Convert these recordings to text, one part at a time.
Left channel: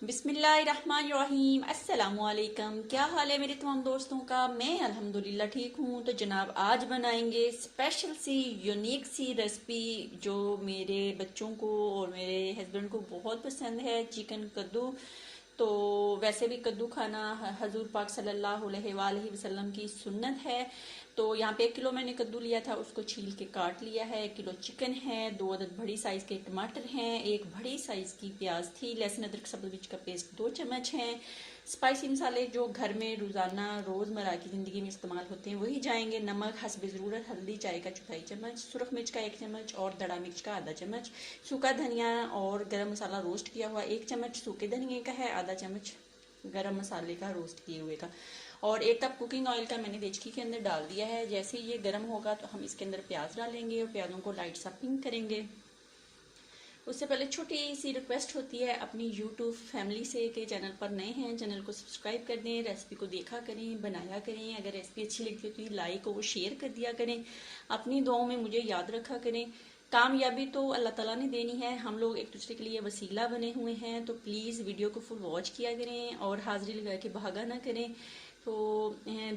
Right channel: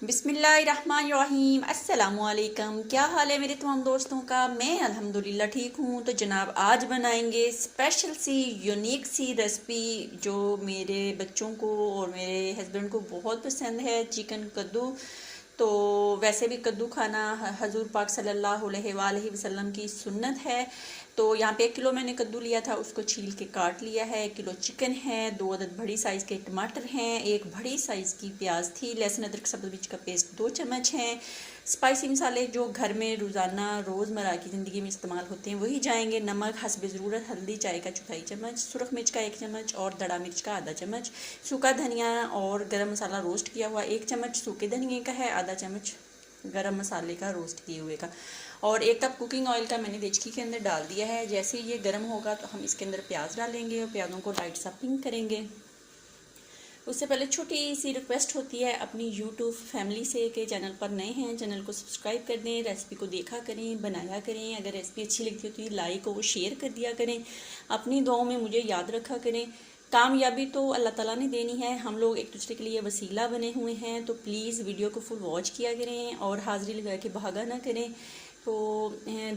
बिस्मिल्लाहिर्रहमानिर्रहीम अस्सलामुअलैकुम। क्या हाल है मेरे तमाम दोस्तों का। मैं अल्हम्दुलिल्लाह ठीक हूँ। तो जनाब आज बनाएंगे स्पेशल सी यूनिक सी रेसिपी जो मेरे बच्चों को और मेरे हस्बैंड को बहुत पसंद है, चिकन कद्दू। तो वैसे भी कद्दू खाना हजूर पाक सल्लल्लाहु अलैहि वसल्लम की सुन्नत है। तो यहाँ पे 1 किलो मैंने कद्दू लिया था, उसको छील के काट लिया है। 1 किलो चिकन है, 2 अदद बड़ी साइज़ के टमाटर हैं, एक बड़ी साइज़ की प्याज थी, लहसुन अदरक सब्ज़ मिर्च का पेस्ट 2 चम्मच हैं। स्पाइसी मसाले जो घर में रोज़ाना रोज़मर्रा की ज़िंदगी में इस्तेमाल होते हैं वही जाएंगे। नमक हस्ब ज़रूरत, हल्दी चाय का 1/4 चम्मच, सुरख मिर्च का 1 चम्मच और दड़ा मिर्च का आधा चम्मच, सूखा धनिया और गरम मसाला रोस्ट किया हुआ 1 चम्मच सूखे धनिए का है, आधा चम्मच गरम मसाले का रोस्ट किए हुए का, और 1 कप कुकिंग ऑयल का मैंने देचकी के अंदर डाल दिया है। जैसे ये गर्म होगा तो हम इसके अंदर प्याज डालेंगे और प्याज़ों को लाइट सा पिंक करेंगे। उससे पहले छोटी सी रिक्वेस्ट होती है अपनी यूट्यूब फैमिली से कि चैनल पर नए हैं चैनल को सब्सक्राइब कर दें, रेसिपी को देखा करें, बनाया करें। अगर रेसिपी अच्छी लगती है तो लाइक और शेयर कर दिया करें। अपनी दुआओं में मुझे याद रखा करें। कामयाबी तो अल्लाह ताला ने देनी है, हम लोग एक दूसरे के लिए वसीला बने हुए हैं। तो प्लीज़ वीडियो को फुल वॉच किया करें और हाज़िरी लगा के भागा ना करें। तो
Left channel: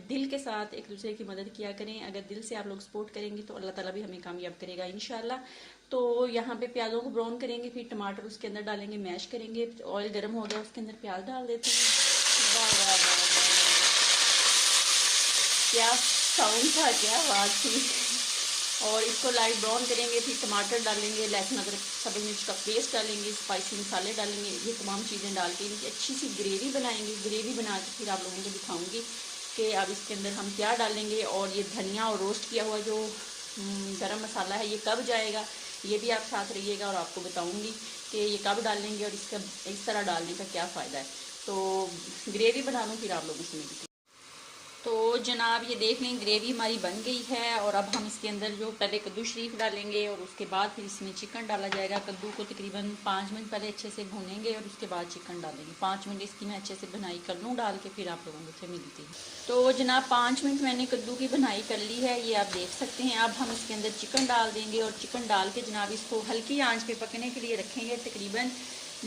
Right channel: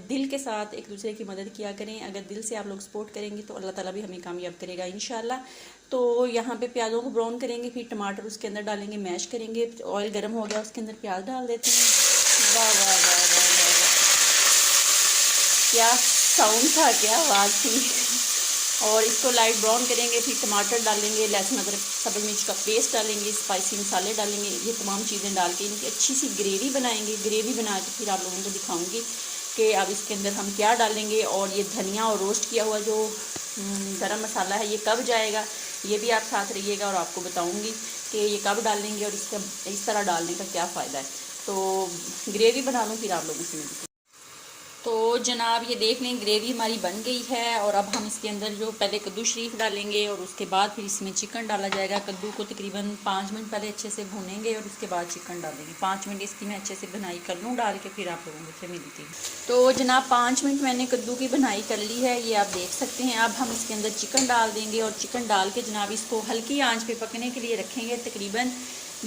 दिल के साथ एक दूसरे की मदद किया करें। अगर दिल से आप लोग सपोर्ट करेंगे तो अल्लाह ताला भी हमें कामयाब करेगा इंशाल्लाह। तो यहाँ पे प्याज़ों को ब्राउन करेंगे, फिर टमाटर उसके अंदर डालेंगे, मैश करेंगे। ऑयल गर्म हो गया, उसके अंदर प्याज डाल देते हैं। वाह वाह वाह वाह वाह वाह, क्या साउंड था, क्या आवाज़ थी। और इसको लाइट ब्राउन करेंगे, फिर टमाटर डालेंगे, लहसुन अदरक सब्ज़ मिर्च का पेस्ट डालेंगे, स्पाइसी मसाले डालेंगे। ये तमाम चीज़ें डाल के इनकी अच्छी सी ग्रेवी बनाएंगे। ग्रेवी बना के फिर आप लोगों को दिखाऊंगी कि अब इसके अंदर हम क्या डालेंगे। और ये धनिया और रोस्ट किया हुआ जो गरम मसाला है ये कब जाएगा, ये भी आप साथ रहिएगा और आपको बताऊंगी कि ये कब डालेंगे और इसका इस तरह डालने का क्या फ़ायदा है। तो ग्रेवी बना लूँ फिर आप लोगों से। तो जनाब ये देख लें ग्रेवी हमारी बन गई है। और अब हम इसके अंदर जो पहले कद्दू शरीफ डालेंगे और उसके बाद फिर इसमें चिकन डाला जाएगा। कद्दू को तकरीबन 5 मिनट पहले अच्छे से भूनेंगे और उसके बाद चिकन डालेंगे। 5 मिनट इसकी मैं अच्छे से बनाई कर लूँ डाल के, फिर आप लोगों से मिलती हूँ। तो जनाब 5 मिनट मैंने कद्दू की बनाई कर ली है, ये आप देख सकते हैं। अब हम इसके अंदर चिकन डाल देंगे और चिकन डाल के जनाब इसको हल्की आँच पर पकने के लिए रखेंगे तकरीबन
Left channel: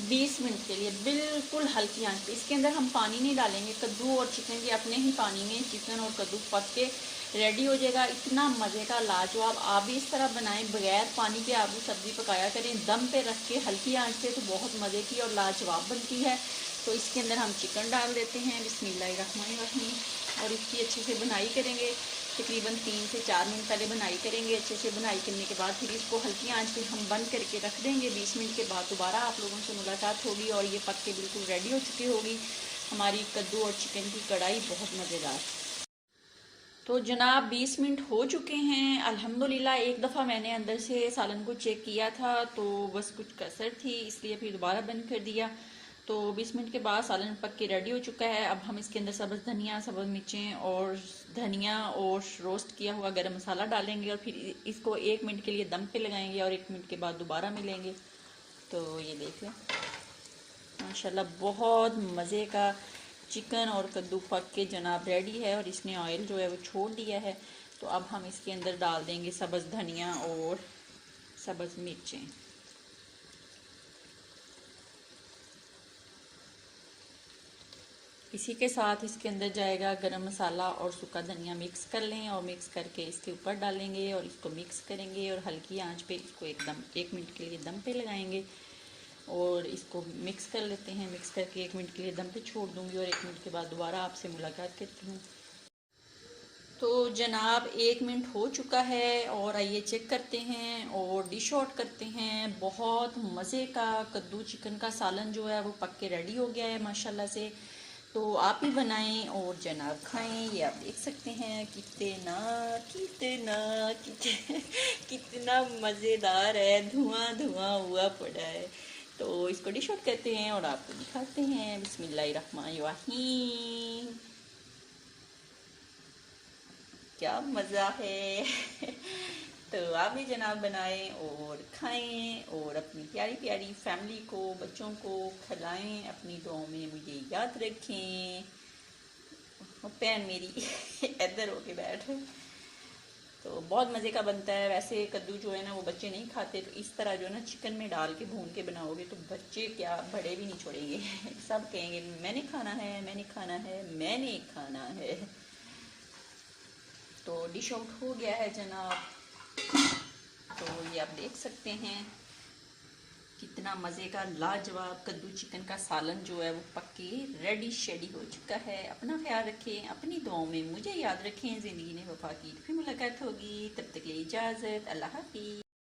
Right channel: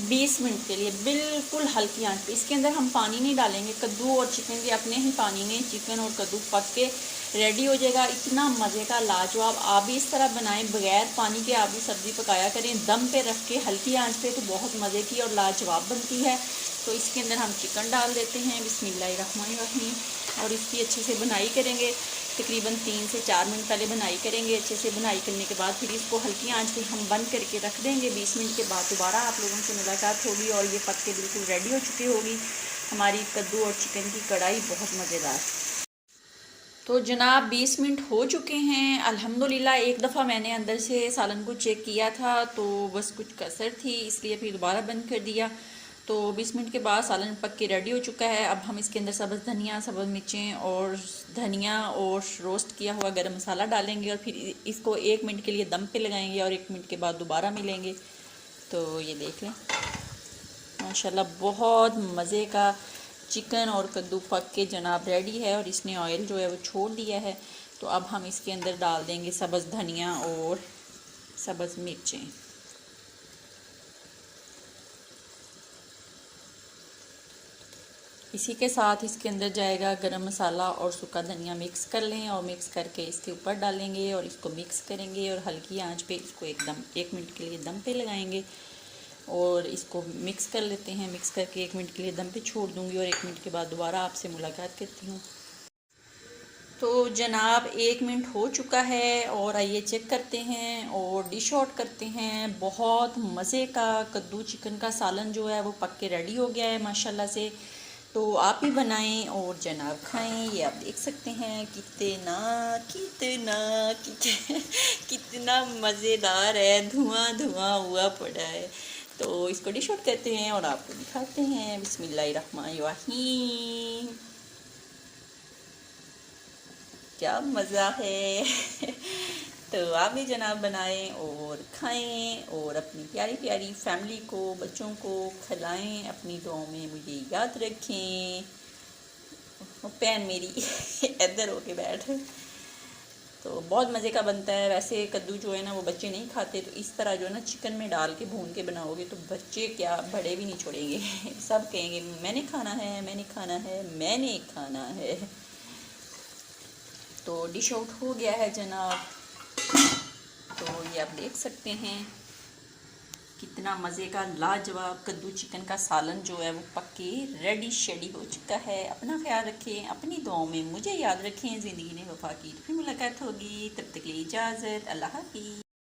20 मिनट के लिए, बिल्कुल हल्की आंच पे। इसके अंदर हम पानी नहीं डालेंगे। कद्दू और चिकन के अपने ही पानी में चिकन और कद्दू पक के रेडी हो जाएगा। इतना मज़े का लाजवाब। आप भी इस तरह बनाएं, बगैर पानी के आप भी सब्ज़ी पकाया करें, दम पे रख के हल्की आंच पे, तो बहुत मज़े की और लाजवाब बनती है। तो इसके अंदर हम चिकन डाल देते हैं बिस्मिल्लाहिर्रहमानिर्रहीम और इसकी अच्छे से बुनाई करेंगे। तकरीबन 3 से 4 मिनट पहले बुनाई करेंगे। अच्छे से बुनाई करने के बाद फिर इसको हल्की आंच पे हम बंद करके रख देंगे। 20 मिनट के बाद दोबारा आप लोगों से मुलाकात होगी और ये पक के बिल्कुल रेडी हो चुकी होगी हमारी कद्दू और चिकन की कढ़ाई, बहुत मज़ेदार। तो जनाब 20 मिनट हो चुके हैं अल्हम्दुलिल्लाह। एक दफ़ा मैंने अंदर से सालन को चेक किया था तो बस कुछ कसर थी, इसलिए फिर दोबारा बंद कर दिया। तो 20 मिनट के बाद सालन पक के रेडी हो चुका है। अब हम इसके अंदर सब्ज़ धनिया, सब्ज़ मिर्चें और धनिया और रोस्ट किया हुआ गरम मसाला डालेंगे और फिर इसको 1 मिनट के लिए दम पे लगाएंगे और 1 मिनट के बाद दोबारा मिलेंगे। तो ये देख लें माशाल्लाह बहुत मज़े का चिकन और कद्दू पक के जनाब रेडी है और इसने ऑयल जो है वो छोड़ दिया है। तो अब हम इसके अंदर डाल देंगे सब्ज़ धनिया और सब्ज़ मिर्चें। इसी के साथ इसके अंदर जाएगा गरम मसाला और सूखा धनिया। मिक्स कर लें और मिक्स करके इसके ऊपर डालेंगे और इसको मिक्स करेंगे और हल्की आंच पे इसको 1 मिनट के लिए दम पे लगाएंगे और इसको मिक्स कर लेते हैं। मिक्स करके 1 मिनट के लिए दम पे छोड़ दूंगी और 1 मिनट के बाद दोबारा आपसे मुलाकात करती हूँ। तो जनाब 1 मिनट हो चुका है और आइए चेक करते हैं और डिश आउट करते हैं। बहुत मज़े का कद्दू चिकन का सालन जो है वो पक के रेडी हो गया है माशाल्लाह से। तो आप भी बनाएं और जनाब खाएं। ये आप देख सकते हैं कितना कितना कितना कितना मज़ेदार है, धुआं धुआं हुआ पड़ा है। तो इसको डिश आउट करते हैं और आपको दिखाते हैं। बिस्मिल्लाहिर्रहमानिर्रहीम, क्या मज़ा है। तो आप भी जनाब बनाएं और खाएं और अपनी प्यारी प्यारी फैमिली को, बच्चों को खिलाएं। अपनी दुआओं में मुझे याद रखें। पैन मेरी इधर होके बैठ। तो बहुत मज़े का बनता है। वैसे कद्दू जो है ना वो बच्चे नहीं खाते, तो इस तरह जो है ना चिकन में डाल के भून के बनाओगे तो बच्चे क्या बड़े भी नहीं छोड़ेंगे सब कहेंगे मैंने खाना है, मैंने खाना है, मैंने खाना है। तो डिश आउट हो गया है जनाब। तो ये आप देख सकते हैं कितना मज़े का लाजवाब कद्दू चिकन का सालन जो है वो पक के रेडी शेडी हो चुका है। अपना ख्याल रखें, अपनी दुआओं में मुझे याद रखें। ज़िंदगी ने वफा की, फिर मुलाकात होगी, तब तक के लिए इजाज़त, अल्लाह हाफ़िज़।